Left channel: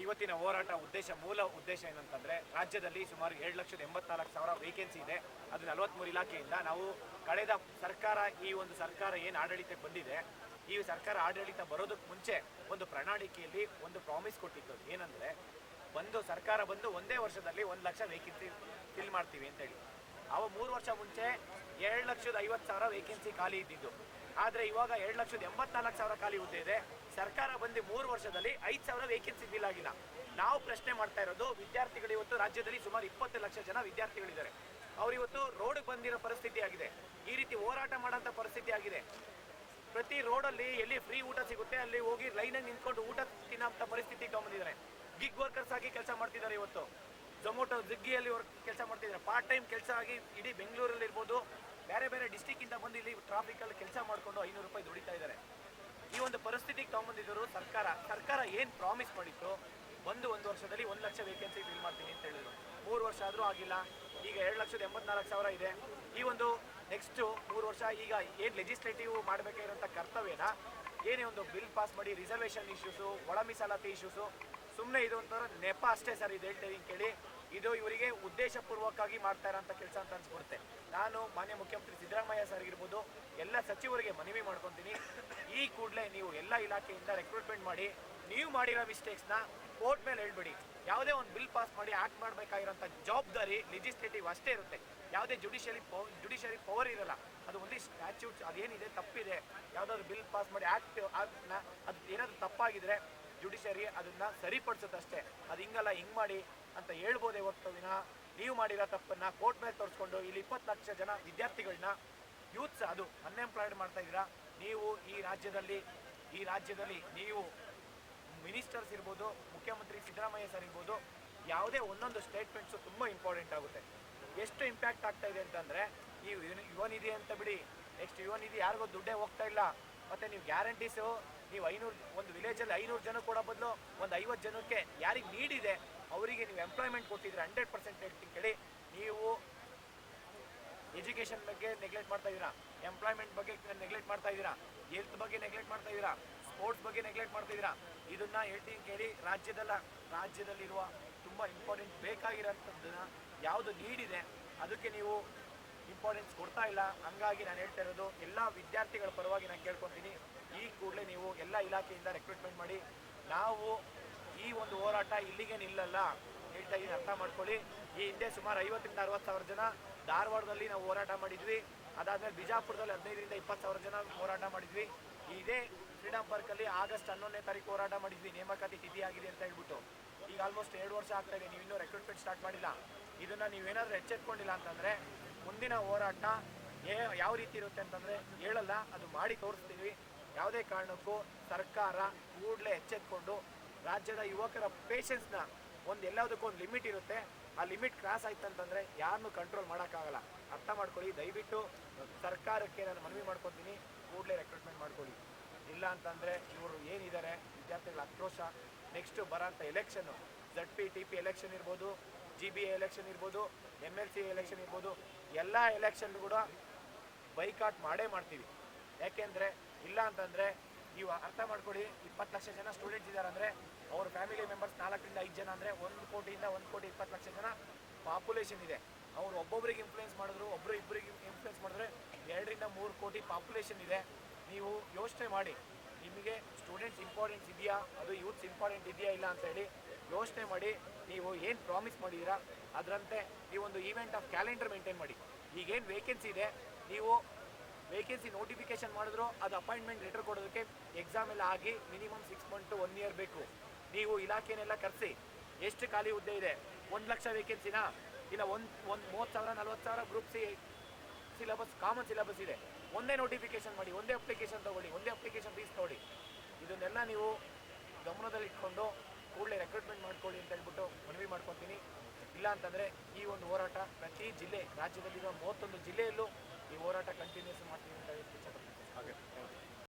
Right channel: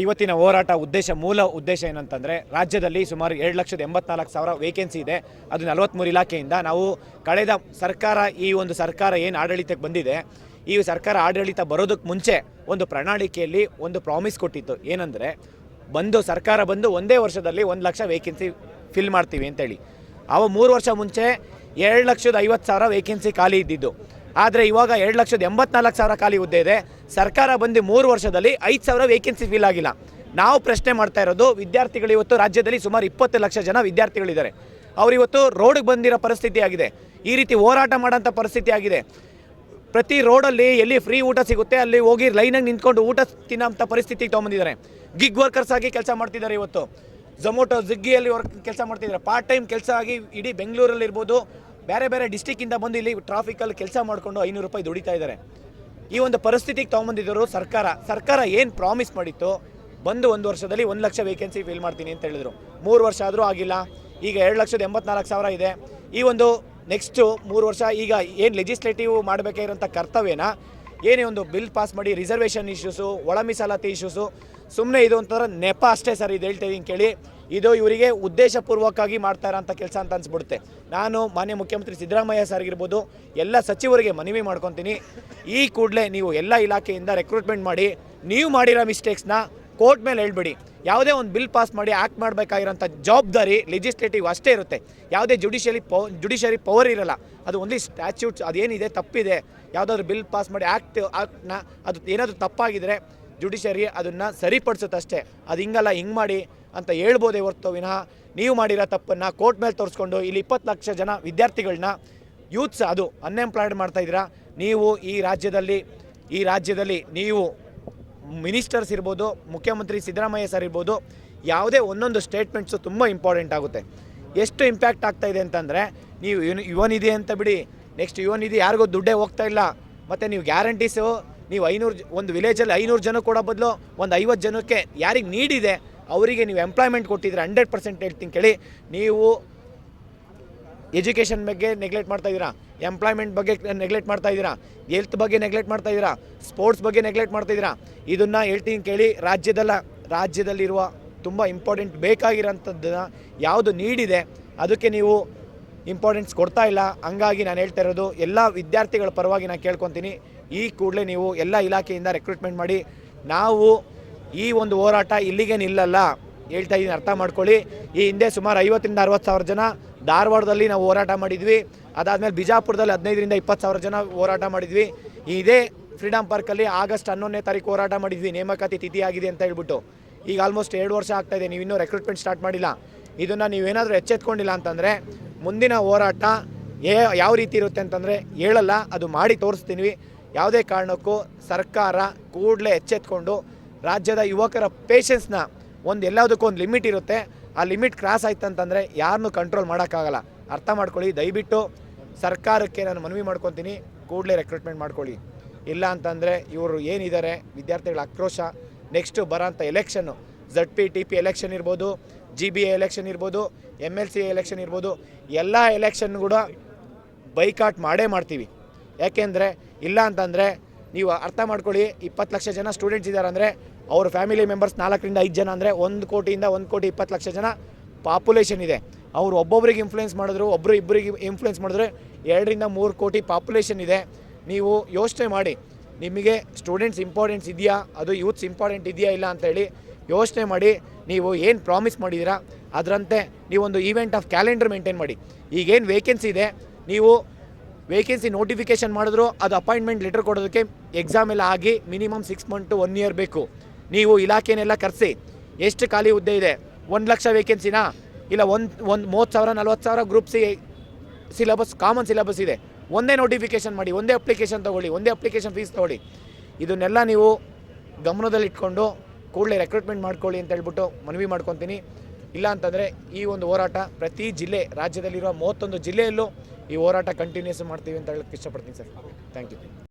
ಇವತ್ತಿನ ಹೋರಾಟ ಮೂಲ ಉದ್ದೇಶ ಏನಂತಂದರೆ, ರಾಜ್ಯದಲ್ಲಿ ಸುಮಾರು 7,84,000 ವೇಕೆನ್ಸಿ ಇದೆ. ಅದು 43 ಇಲಾಖೆಯಿಂದ ನಾವು ಕಳೆದ ಸರ್ಕಾರ, ಈ ಒಂದು ಸರ್ಕಾರ ಏನು ಆಡಳಿತಕ್ಕೆ ಬಂದಿದೆ, ಈ ಸರ್ಕಾರ ಆಡಳಿತ ಬರೋದಕ್ಕೆ ಮುಂಚೆ ಒಂದು ಪ್ರಣಾಳಿಕೆಯಲ್ಲಿ ಒಂದು ಪ್ರಾಮಿಸ್ ಕೊಟ್ಟಿತ್ತು. ಏನಂದರೆ, ಸರ್ಕಾರ ಬಂದು ಒಂದೇ ವರ್ಷದಲ್ಲಿ 1 ಲಕ್ಷ ವೇಕೆನ್ಸಿ ಫಿಲ್ ಮಾಡ್ತೀವಿ ಅಂತೇಳಿ. 3 ವರ್ಷ ಮುಂಚೆ 7,50,000 ವೇಕೆನ್ಸಿ ಖಾಲಿ ಇದ್ದಿದ್ದು. ಆದರೆ ಇವಾಗ 7,84,000 ಖಾಲಿ ಹುದ್ದೆ ಇದೆ. ಸರ್ಕಾರ ಬಂದು 3 ವರ್ಷದಲ್ಲಿ 5,000 ವೇಕೆನ್ಸಿ ಫಿಲ್ ಆಗಿಲ್ಲ. ನಾವು ಪ್ರಶ್ನೆ ಮಾಡ್ತಾ ಇರೋದು, ವಿದ್ಯಾರ್ಥಿಗಳು ಇವತ್ತು ರಾಜ್ಯದಲ್ಲಿ ಸುಮಾರು 20 ಲಕ್ಷ ಜನ ವಿದ್ಯಾರ್ಥಿಗಳಿದ್ದಾರೆ. ಅವರಿವತ್ತು ರೋಡ್ಗೆ ಬಂದಿರೋ ಪರಿಸ್ಥಿತಿ ಆಗಿದೆ. ಈ ರೀತಿ ಹೋರಾಟ ಮಾಡೋಂಥ ಪರಿಸ್ಥಿತಿ ಆಗಿದೆ. ಪ್ರತಿ ರೋಡಲ್ಲಿ ಎಲ್ಲಿ ಫ್ರೀ ಊಟ ಸಿಗುತ್ತೆ ಅಲ್ಲಿ ಹೋಗಿ ಲೈನಾಗಿ ನಿಂತ್ಕೊಂಡು ಊಟ ತಿನ್ನೋಂಥ ಪರಿಸ್ಥಿತಿಗೆ ತೊಗೊಂಬಂದಿದ್ದಾರೆ. ಗಿಗ್ ವರ್ಕರ್ಸ್ ಆಗಿ ಕೆಲಸ ಮಾಡ್ತಿದ್ದಾರೆ. ಇವತ್ತು ಝೊಮೊಟೊ, ಸ್ವಿಗ್ಗಿಯಲ್ಲಿ ಕೆಲಸ ಮಾಡ್ತಿದ್ದಾರೆ. ಪಾರ್ಟ್ ಟೈಮ್ ಕೆಲಸ ಆಗಿ ಇಡೀ ಬೆಂಗಳೂರಲ್ಲಿ ಇರ್ಬೋದು, ಬೇರೆ ಬೇರೆ ಡಿಸ್ಟಿಕ್ಕಿಂದ ಬಂದು ಇಲ್ಲಿ ಟ್ರಾಫಿಕಲ್ಲಿ ಕೆಲಸ ಮಾಡಿಕೊಂಡು 500 ರೂಪಾಯಿ ದುಡಿತಾ ಇದ್ದಾರೆ. ಈ ಒಂದು ಪರಿಸ್ಥಿತಿಗೆ ತೊಗೊಂಬಂದಿದ್ದರು ಸರ್ಕಾರ ಏನು ಪ್ರಾಮಿಸ್ ಮಾಡಿತ್ತು, ಬಂದು 1 ವರ್ಷದಲ್ಲಿ 1 ಲಕ್ಷ ವೇಕೆನ್ಸಿ ಫಿಲ್ ಮಾಡ್ತೀನಿ ಅಂತ ಹೇಳಿದರು. 3 ವರ್ಷ ಆದರೂ ಆಗಿಲ್ಲ. ಈಗ 7,84,000 ಇದೆ. ಈ ಒಂದು ನೆಕ್ಸ್ಟು 3 ವರ್ಷ ಈಗ ಏನು ಲೆಜಿಸ್ಲೇಟಿವ್ ಮಾಡಬೇಕಾಗಿರೋಂಥ ಕರ್ತವ್ಯನ ಏನೇ ಒಂದು ಬಿಲ್ ಪಾಸ್ ಮಾಡಿ, ರಿಸರ್ವೇಷನ್ ಇಶ್ಯೂಸು, ಒಳ ಮೀಸಲಾತಿ ಇಶ್ಯೂಸು, ಸುಮ್ಮನೆ ಇದು ಒಂಥರ ನೆಪ ಅಷ್ಟೇ ಸರ್. ಇದು ಹೇಳ್ತಾ ಇದ್ದೀನಿ ಕೇಳಿ, ಇದು ಇವರಿಗೆ ಉದ್ದೇಶಪೂರ್ವಕವಾಗಿ ಮಾಡ್ತಾ ಇರೋಂಥ ಕೆಲಸ ಅಂತ ಅನಿಸ್ಬಿಡುತ್ತೆ. ನಾನು ಮಾನ್ಯ ಮುಖ್ಯಮಂತ್ರಿ ಸಿದ್ದರಾಮಯ್ಯ ಸರ್ ಆಗಿರ್ಬೋದು, ಎಲ್ಲ ಸಚಿವರಿಗೆ ಮನವಿ ಮಾಡ್ಕೊತೀನಿ, ಈ ಕೂಡಲೇ ನೀವು ಎಲ್ಲ ಇಲಾಖೆಯಿಂದ ರೆಕ್ರೂಟ್ಮೆಂಟ್ ಮಾಡಿ, ನೀವು ಮಾಡಿರೋ ಮಿಸ್ಟೇಕ್ಸ್ನ ಕೋರ್ಟ್ ಮೇಲೆ ಹೇಳ್ಬೇಡಿ. ಯಾವುದೇ ಒಂದು ಬಿಲ್ ಪಾಸ್ ಮಾಡಿ ಆ್ಯಕ್ಟ್ ಮಾಡಬೇಕಾಗಿರೋಂಥ ಜವಾಬ್ದಾರಿ ಲೆಜಿಸ್ಲೇಟಿವ್ ಅಷ್ಟೇ ಇರುತ್ತೆ. ಯಾವುದೇ ಜುಡಿಷರಿ ಪವರ್ ಇರಲ್ಲ. ಅದು ಓನ್ಲಿ ಸ್ಟ್ಯಾಚ್ಯೂಟ್ಸ್, ಅದೇನಿದೆ ತಪ್ಪಿದೆ, ಯಾವುದಾದ್ರೂ ಬಿಲ್ ಪಾಸ್ ಮಾಡಿ ಆ್ಯಕ್ಟ್ನ ಅದು ಏನಾದರೂ ತಪ್ಪಾಗಿದ್ರೆ ಜುಡಿಷರಿ ಅದನ್ನು ಸರಿಪಡಿಸುತ್ತಷ್ಟೇ. ಅದು ಹಿಂಗಲ್ಲ, ಹಿಂಗೆ ಮಾಡಿ ಅಂತ ಹೇಳ್ಬೋದೇ ಹೊರತು ವಿನಃ ನೀವು ಮಾಡಿರೋ ತಪ್ಪನ್ನು ಕೋರ್ಟ್ ಮೇಲೆ ತೋರಿಸ್ಕೊಂಡು ಇಲ್ಲಿ 20 ಲಕ್ಷ ಜನ ವಿದ್ಯಾರ್ಥಿಗಳನ್ನ, ಯೂತ್ಸ್ ಅದು ಅನ್ಎಂಪ್ಲಾಯ್ಡ್ ಮಾಡ್ತಾಯಿದ್ದೀರಾ. ನೀವು ಈ ರಾಜ್ಯದಲ್ಲಿ ನೀವು ಮಿನಿಸ್ಟರ್ಸ್ ಇರ್ಬೋದು, ಮುಖ್ಯಮಂತ್ರಿ ಸಿದ್ದರಾಮಯ್ಯ ಸರ್ ಇರ್ಬೋದು, ಯಾವುದೇ ಒಂದೊಂದು ಸ್ಟೇಟ್ಮೆಂಟ್ಸು ತುಂಬ ಇಂಪಾರ್ಟೆಂಟ್ ಆಗುತ್ತೆ. ಎಷ್ಟು ಇಂಪ್ಯಾಕ್ಟ್ ಆಗ್ತಾಯಿದೆ ಅಂತಂದರೆ, ನೀವು ಯುವ ನಿಧಿ ಅಂತ ಬಿಡಿ, ನೆಕ್ಸ್ಟ್ ಯುವ ನಿಧಿ ಯಾರಿಗೂ ದುಡ್ಡೇ ಹೋಗ್ತಾ ಇಲ್ಲ. ಮತ್ತು ನೀವು ಗ್ಯಾರಂಟೀಸು, ನೀವು 500 ಒಂದು ವಿಲೇಜಲ್ಲಿ 500 ಜನ ಕೊಡೋ ಬದಲು ಒಂದು 50 ಜನಕ್ಕೆ ಯಾರಿಗೆ ನೀಡಿದೆ ಅವರಿಗೆ ನೀವು ಎಂಪ್ಲಾಯ್ಮೆಂಟ್ ಕೊಟ್ಟಿದ್ರೆ 100% ಹೇಳ್ತೀನಿ ಕೇಳಿ. ನೀವು ಎಜುಕೇಷನ್ ಬಗ್ಗೆ ನೆಗ್ಲೆಕ್ಟ್ ಮಾಡ್ತಾಯಿದ್ದೀರಾ, ಎಂಪ್ಲಾಯ್ಮೆಂಟ್ ಬಗ್ಗೆ ನೆಗ್ಲೆಕ್ಟ್ ಮಾಡ್ತಾಯಿದ್ದೀರಾ, ಹೆಲ್ತ್ ಬಗ್ಗೆ ನೆಗ್ಲೆಕ್ಟ್ ಮಾಡ್ತಾಯಿದ್ದೀರಾ, ಸ್ಪೋರ್ಟ್ಸ್ ಬಗ್ಗೆ ನೆಗ್ಲೆಕ್ಟ್ ಮಾಡ್ತಾಯಿದ್ದೀರಾ. ಇದನ್ನು ಹೇಳ್ತೀನಿ ಕೇಳಿ, ರಾಜ್ಯದಲ್ಲಿರುವ ತುಂಬ ಇಂಪಾರ್ಟೆಂಟ್ ಬೇಕಾಗಿರೋಂಥದ್ದನ್ನು ಯಾವುದು ನೀಡಿದೆ ಅದಕ್ಕೆ ನೀವು ಇಂಪಾರ್ಟೆನ್ಸ್ ಕೊಡ್ತಾ ಇಲ್ಲ. ಹಂಗಾಗಿ ನಾನು ಹೇಳ್ತಾ ಇರೋದು, ಎಲ್ಲ ವಿದ್ಯಾರ್ಥಿಗಳ ಪರವಾಗಿ ನಾನು ಕೇಳ್ಕೊತೀನಿ, ಈ ಕೂಡಲೇ ನೀವು ಎಲ್ಲ ಇಲಾಖೆಯಿಂದ ರೆಕ್ರೂಟ್ಮೆಂಟ್ ಮಾಡಿ. ನಾವು ಈ ಒಂದು ಹೋರಾಟ ಇಲ್ಲಿಗೆ ನಿಲ್ಲಲ್ಲ, ಹೇಳ್ತಾ ಇದ್ದೀನಿ, ಅರ್ಥ ಮಾಡ್ಕೊಳ್ಳಿ. ಈ ಹಿಂದೆ ಸುಮಾರು 50,000-60,000 ಜನ ಧಾರವಾಡದಲ್ಲಿ ನಾವು ಹೋರಾಟ ಮಾಡಿದ್ವಿ. ಅದಾದಮೇಲೆ ಬಿಜಾಪುರದಲ್ಲಿ 15,000-20,000 ಜನ ಹೋರಾಟ ಮಾಡಿದ್ವಿ. ಇದೇ ಫ್ರೀಡಮ್ ಪಾರ್ಕಲ್ಲಿ ಆಗಸ್ಟ್ 11ನೇ ತಾರೀಕು ಹೋರಾಟ ಮಾಡಿದ್ವಿ, ನೇಮಕಾತಿ ತಿಥಿ ಆಗಿದೆ ಅಂತ ಹೇಳ್ಬಿಟ್ಟು. ಈಗ ಆಲ್ಮೋಸ್ಟ್ 2 ವರ್ಷ ಆಗ್ತಾಯಿದೆ, ನೀವು ಇನ್ನೂ ರೆಕ್ರೂಟ್ಮೆಂಟ್ ಸ್ಟಾರ್ಟ್ ಮಾಡಿಲ್ಲ. ಇದನ್ನು ನೀವೇನಾದರೂ ಎಚ್ಚೆತ್ಕೊಂಡಿಲ್ಲ ಅಂತಂದರೆ ಮುಂದಿನ ಹೋರಾಟ ಯಾವ ರೀತಿ ಇರುತ್ತೆ ಅಂತಂದರೆ ಹೇಳಲ್ಲ, ಅದು ಮಾಡಿ ತೋರಿಸ್ತೀನಿ. ಯಾವುದೇ ಕಾರಣಕ್ಕೂ ಸರ್ಕಾರ ಕೂಡಲೇ ಎಚ್ಚೆತ್ಕೊಂಡು ರಾಜ್ಯದ ಯುವಕರ ಪೇಷನ್ಸ್ನ ಎಲ್ಲದಕ್ಕೂ ಒಂದು ಲಿಮಿಟ್ ಇರುತ್ತೆ. ಆ ಲಿಮಿಟ್ ಕ್ರಾಸ್ ಆಯ್ತು ಅಂತಂದರೆ ಯಾರನ್ನೂ ಕಂಟ್ರೋಲ್ ಮಾಡೋಕ್ಕಾಗಲ್ಲ. ಅರ್ಥ ಮಾಡ್ಕೊಳ್ಳಿ. ದಯವಿಟ್ಟು ಸರ್ಕಾರಕ್ಕೆ ನಾನು ಮನವಿ ಮಾಡ್ಕೊತೀನಿ, ಕೂಡಲೇ ರೆಕ್ರೂಟ್ಮೆಂಟ್ ಮಾಡ್ಕೊಳ್ಳಿ. ಇಲ್ಲ ಅಂತಂದರೆ ಇವರು ಏನಿದ್ದಾರೆ ವಿದ್ಯಾರ್ಥಿಗಳ ಆಕ್ರೋಶ, ನೆಕ್ಸ್ಟು ಬರೋಂಥ ಎಲೆಕ್ಷನ್ನು, ZP-TP ಎಲೆಕ್ಷನ್ ಇರ್ಬೋದು, GBA ಎಲೆಕ್ಷನ್ ಇರ್ಬೋದು, MLC ಎಲೆಕ್ಷನ್ ಇರ್ಬೋದು, ಎಲ್ಲ ಎಲೆಕ್ಷನ್ ಕೂಡ ಬೈಕಾಟ್ ಮಾಡ್ತೀವಿ. ಯಾಕೆಂದರೆ ಇಲ್ಲ ಅಂತಂದರೆ ನೀವು ಅರ್ಥ ಮಾಡ್ಕೊಳ್ಳಿ, 20 ಲಕ್ಷ ಜನ ಸ್ಟೂಡೆಂಟ್ಸ್ ಇದ್ದಾರೆ ಅಂದರೆ ಅವ್ರ ಫ್ಯಾಮಿಲಿ ಮೆಂಬರ್ಸ್ 4ರಿಂದ 5 ಜನ ಅಂದರೆ 1 ಕೋಟಿಯಿಂದ 1,20,00,000 ಜನ ಪಾಪ್ಯುಲೇಷನ್ ಇದೆ. ಅವರು ಒಬ್ಬೊಬ್ಬರಿಗೆ ಇನ್ಫ್ಲುಯೆನ್ಸ್ ಮಾಡಿದ್ರು, ಇಬ್ಬರಿಗೆ ಇನ್ಫ್ಲುಯೆನ್ಸ್ ಮಾಡಿದ್ರೆ 2ರಿಂದ 3 ಕೋಟಿ ಪಾಪ್ಯುಲೇಷನ್ ಇದೆ. ನೀವು ಯೋಚನೆ ಮಾಡಿ, ನಿಮಗೆ ಸ್ಟೂಡೆಂಟ್ಸ್ ಇಂಪಾರ್ಟೆನ್ಸ್ ಇದೆಯಾ, ಅದು ಯೂತ್ಸ್ ಇಂಪಾರ್ಟೆಂಟ್ ಇದೆಯಾ ಇಲ್ಲ ಅಂತೇಳಿ ಯೋಚನೆ ಮಾಡಿ. ನೀವು ಏನು ಪ್ರಾಮಿಸ್ ಮಾಡಿದ್ದೀರಾ ಅದರಂತೆ ನೀವೊಂದು ಈವೆಂಟ್ ಆಫ್ ಕ್ಯಾಲೆಂಡರ್ ಮೇಂಟೈನ್ ಮಾಡಿ. ಈಗೇನು ವೇಕೆನ್ಸಿ ಇದೆ, ನೀವು ವೇಕೆನ್ಸಿ ನೋಟಿಫಿಕೇಷನ್ ಮಾಡಿದ್ರು ಅದು ಅಪಾಯಿಂಟ್ಮೆಂಟ್ ಲೆಟರ್ ಕೊಡೋದಕ್ಕೆ ಎಕ್ಸಾಮ್ ಎಲ್ಲ ಆಗಿ ಮಿನಿಮಮ್ 6 ಮಂತ್ to 1 year ಬೇಕು. ನೀವು ಇಲಾಖೆನೆಲ್ಲ ಕರೆಸಿ, ಎಷ್ಟು ಖಾಲಿ ಹುದ್ದೆ ಇದೆ, 1 ಲಕ್ಷ ವೇಕೆನ್ಸಿನಾ, ಇಲ್ಲ 30,000-40,000 group C syllabus, common syllabus ಇದೆ, ಒಂದೇ ನೋಟಿಫಿಕೇಷನ್ ಮಾಡಿ, ಒಂದೇ ಅಪ್ಲಿಕೇಶನ್ ತೊಗೊಳ್ಳಿ, ಒಂದೇ ಅಪ್ಲಿಕೇಶನ್ ಫೀಸ್ ತೊಗೊಳ್ಳಿ. ಇದನ್ನೆಲ್ಲ ನೀವು ಗಮನದಲ್ಲಿಟ್ಕೊಂಡು ಕೂಡಲೇ ರೆಕ್ರೂಟ್ಮೆಂಟ್ ಮಾಡ್ಕೊಳ್ಳಿ ಅಂತ ಹೇಳ್ಬಿಟ್ಟು ಮನವಿ ಮಾಡ್ಕೊತೀನಿ. ಇಲ್ಲ ಅಂತಂದರೆ ಈ ಒಂದು ಹೋರಾಟ ಪ್ರತಿ ಜಿಲ್ಲೆ, ರಾಜ್ಯದಲ್ಲಿರುವ 31 ಜಿಲ್ಲೆಯಲ್ಲೂ ಈ ಹೋರಾಟ ಕಂಟಿನ್ಯೂಸ್ ಮಾಡ್ತೀವಿ ಅಂತ ಹೇಳಕ್ಕೆ ಇಷ್ಟಪಡ್ತೀನಿ ಸರ್. Thank you.